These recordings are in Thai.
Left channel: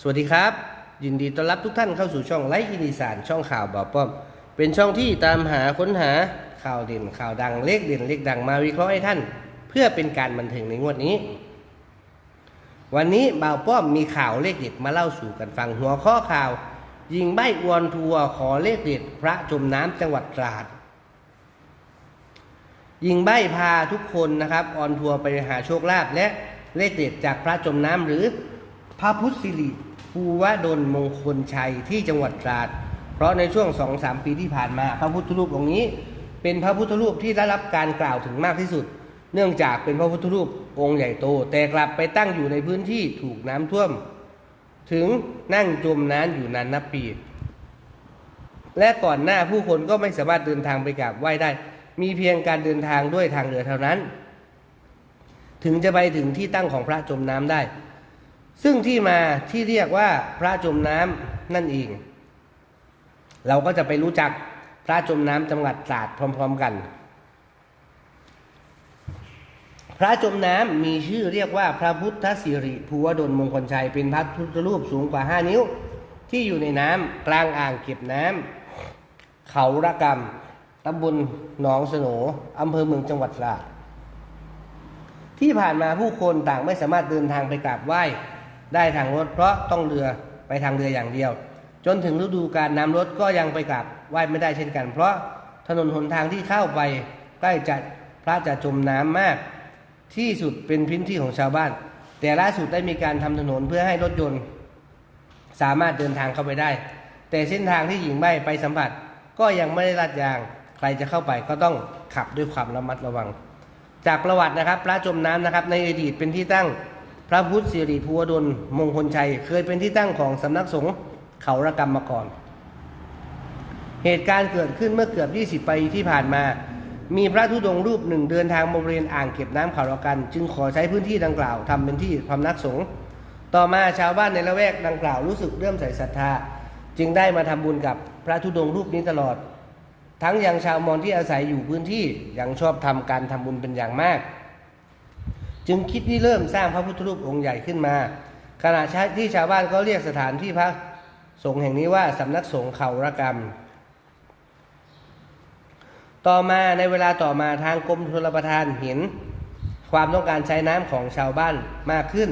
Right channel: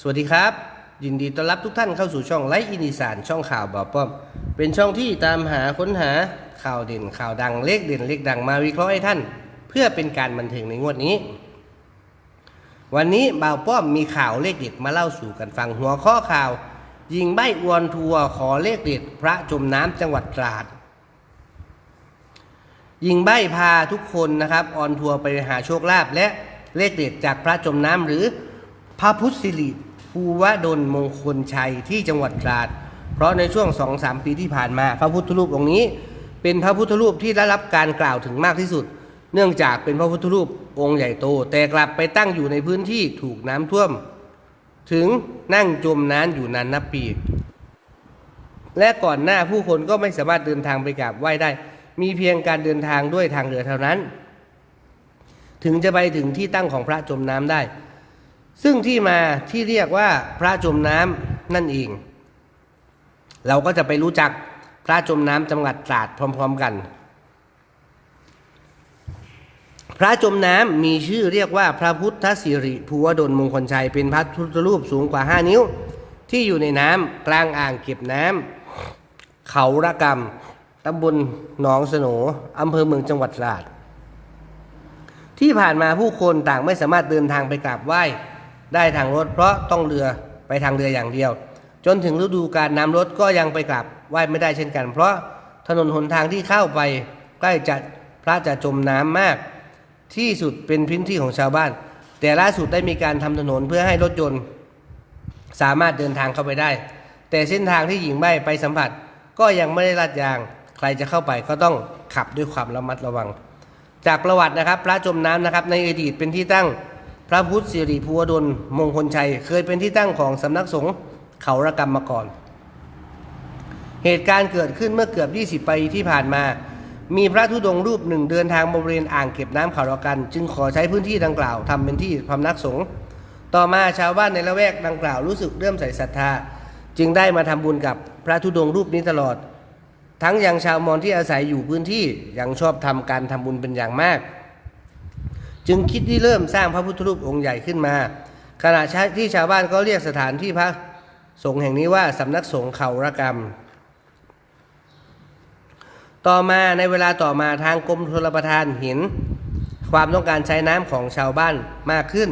สวัสดีครับ ยินดีต้อนรับทุกท่านเข้าสู่ช่องไลฟ์อินดีสานช่องข่าวบ่าวป้อม เป็นช่องที่ตามหาค้นหาข่าวเด่นข่าวดังเลขเด่นเลขดังมาวิเคราะห์ให้ท่าน เพื่อเป็นการบันเทิงในงวดนี้ วันนี้บ่าวป้อมมีข่าวเลขเด็ดมาเล่าสู่กันฟังหัวข้อข่าว ยิงใบอวนทัวขอเลขเด็ดพระจมน้ำจังหวัดตราดยิงใบพาทุกคนนะครับออนทัวร์ไปหาโชคลาภและเลขเด็ดจากพระจมน้ำหรือพระพุทธสิริ ภูวดลมงคลชัยที่จังหวัดตราด เพราะในช่วง2-3ปีที่ผ่านมา พระพุทธรูปองค์นี้ เป็นพระพุทธรูปที่ได้รับการกล่าวถึงมากที่สุด เนื่องจากเป็นพระพุทธรูปองค์ใหญ่โต แต่กลับไปตั้งอยู่ในพื้นที่ถูกน้ำท่วม ถึงนั่งจมน้ำอยู่นานนับปี และก่อนหน้าผู้คนก็ไม่สามารถเดินทางไปกราบไหว้ได้ มีเพียงการเดินทางด้วยทางเรือเท่านั้น ถึงจะไปถึงที่ตั้งของพระจมน้ำได้ ซึ่งที่มาที่เรียกว่าพระจมน้ำนั่นเอง เราก็จะไปรู้จักพระจมน้ำจังหวัดตราดพร้อม ๆกัน พระจมน้ำมีชื่อเรียกว่าพระพุทธสิริภูวดลมงคลชัยเป็นพระพุทธรูปสูงกว่า 5 นิ้ว ที่อยู่ในน้ำกลางอ่างเก็บน้ำเขาระกำตำบลหนองสโหนอำเภอเมืองจังหวัดตราดที่ผ่านมาผู้คนต่างไม่สามารถเดินทางไปกราบไหว้ ได้ทางรถเพราะต้องเรือไปทางเรืออย่างเดียว จนถึงฤดูการน้ำลดก็ยังไปกราบไหว้ไม่ได้เช่นกัน เพราะถนนหนทางที่เข้าไปใกล้จะพระจะจมน้ำมาก ที่สุดเป็นพื้นที่ของชาวบ้าน แต่ล่าสุดได้มีการทำถนนเพื่อให้รถยนต์ สามารถเดินทางเข้าไปได้ แต่เส้นทางที่หญิงใบ้ไปสัมผัส ก็ยังไม่ได้ลาดยาง ใครจะเข้าไปก็ต้องขับด้วยความระมัดระวัง จากประวัตินะครับ พระจมน้ำนะครับในอดีตเป็นที่ตั้ง พระพุทธสิริภูวดลมงคลชัย เคยเป็นที่ตั้งของสำนักสงฆ์เขาระกรรมมาก่อน เหตุการณ์เกิดขึ้นเมื่อเกือบ 20 ปีที่ผ่านมา มีพระธุดงค์รูปหนึ่งเดินทางมาบริเวณอ่างเก็บน้ำเขาระกัน จึงขอใช้พื้นที่ดังกล่าวทำเป็นที่พำนักสงฆ์ต่อมาชาวบ้านในละแวกดังกล่าวรู้สึกเริ่มใส่ศรัทธา จึงได้มาทำบุญกับพระธุดงค์รูปนี้ตลอด ทั้งยังชาวมอญที่อาศัยอยู่พื้นที่ยังชอบทำการทำบุญเป็นอย่างมาก จึงคิดที่เริ่มสร้างพระพุทธรูปองค์ใหญ่ขึ้นมา ขณะที่ชาวบ้านก็เรียกสถานที่พระสงฆ์แห่งนี้ว่าสำนักสงฆ์เขาระกรรม ต่อมาในเวลาต่อมาทางกรมชลประทานเห็น ความต้องการใช้น้ำของชาวบ้านมากขึ้น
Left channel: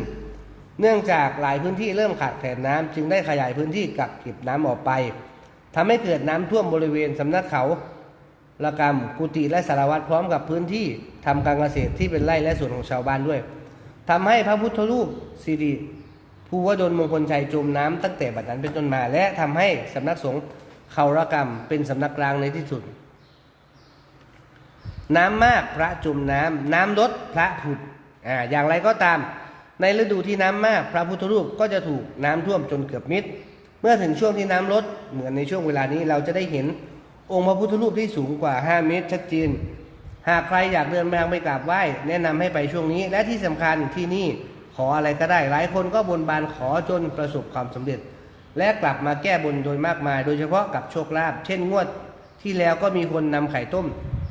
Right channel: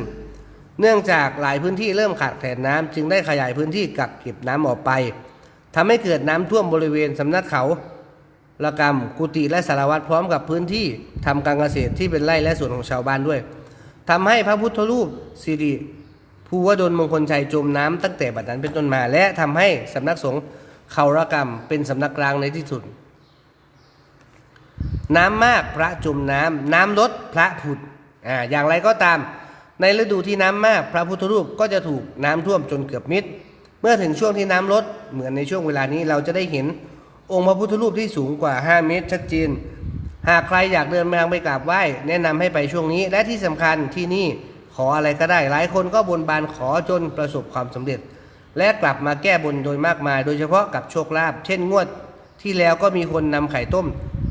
เนื่องจากหลายพื้นที่เริ่มขาดแคลนน้ำจึงได้ขยายพื้นที่กักเก็บน้ำออกไปทำให้เกิดน้ำท่วมบริเวณสำนักเขา ระกรรม กุฏิและสารวัตรพร้อมกับพื้นที่ทำการเกษตรที่เป็นไร่และสวนของชาวบ้านด้วยทำให้พระพุทธรูปสิริภูวดลมงคลชัยจมน้ำตั้งแต่บัดนั้นเป็นต้นมา และทำให้สำนักสงฆ์เขาระกรรมเป็นสำนักกลางในที่สุด น้ำมากพระจมน้ำน้ำลดพระผุดอ่าอย่างไรก็ตาม ในฤดูที่น้ำมาก พระพุทธรูปก็จะถูกน้ำท่วมจนเกือบมิด เมื่อถึงช่วงที่น้ำลดเหมือนในช่วงเวลานี้เราจะได้เห็น องค์พระพุทธรูปที่สูงกว่า 5 เมตรชัดเจน หากใครอยากเดินทางไปกราบไหว้ แนะนำให้ไปช่วงนี้ และที่สำคัญที่นี่ขออะไรก็ได้ หลายคนก็บนบานขอจนประสบความสำเร็จ และกลับมาแก้บนโดยมากมาย โดยเฉพาะกับโชคลาภเช่นงวดที่แล้วก็มีคนนำไข่ต้ม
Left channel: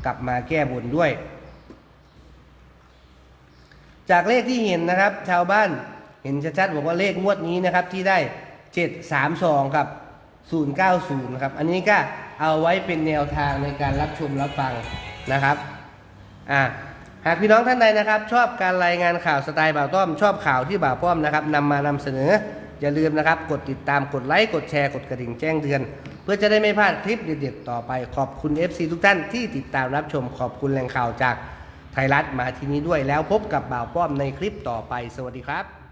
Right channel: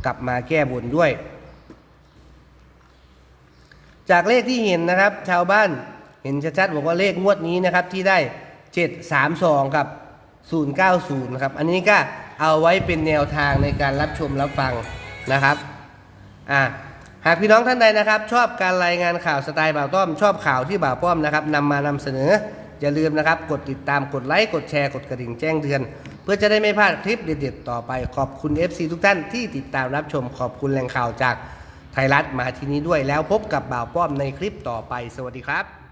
กลับมาแก้บนด้วย จากเลขที่เห็นนะครับ ชาวบ้านเห็นชัดๆบอกว่าเลขงวดนี้นะครับที่ได้ 732 กับ 090นะครับอันนี้ก็ เอาไว้เป็นแนวทางในการรับชมรับฟังนะครับอ่าหากพี่น้องท่านใดนะครับ ชอบการรายงานข่าวสไตล์บ่าวต้อม ชอบข่าวที่บ่าวป้อมนะครับนำมานำเสนออย่าลืมนะครับ กดติดตามกดไลค์กดแชร์กดกระดิ่งแจ้งเตือน เพื่อจะได้ไม่พลาดคลิปเด็ดๆต่อไปขอบคุณ FC ทุกท่านที่ติดตามรับชมขอบคุณแหล่งข่าวจากไทยรัฐมาที่นี้ด้วยแล้วพบกับบ่าวป้อมในคลิปต่อไป สวัสดีครับ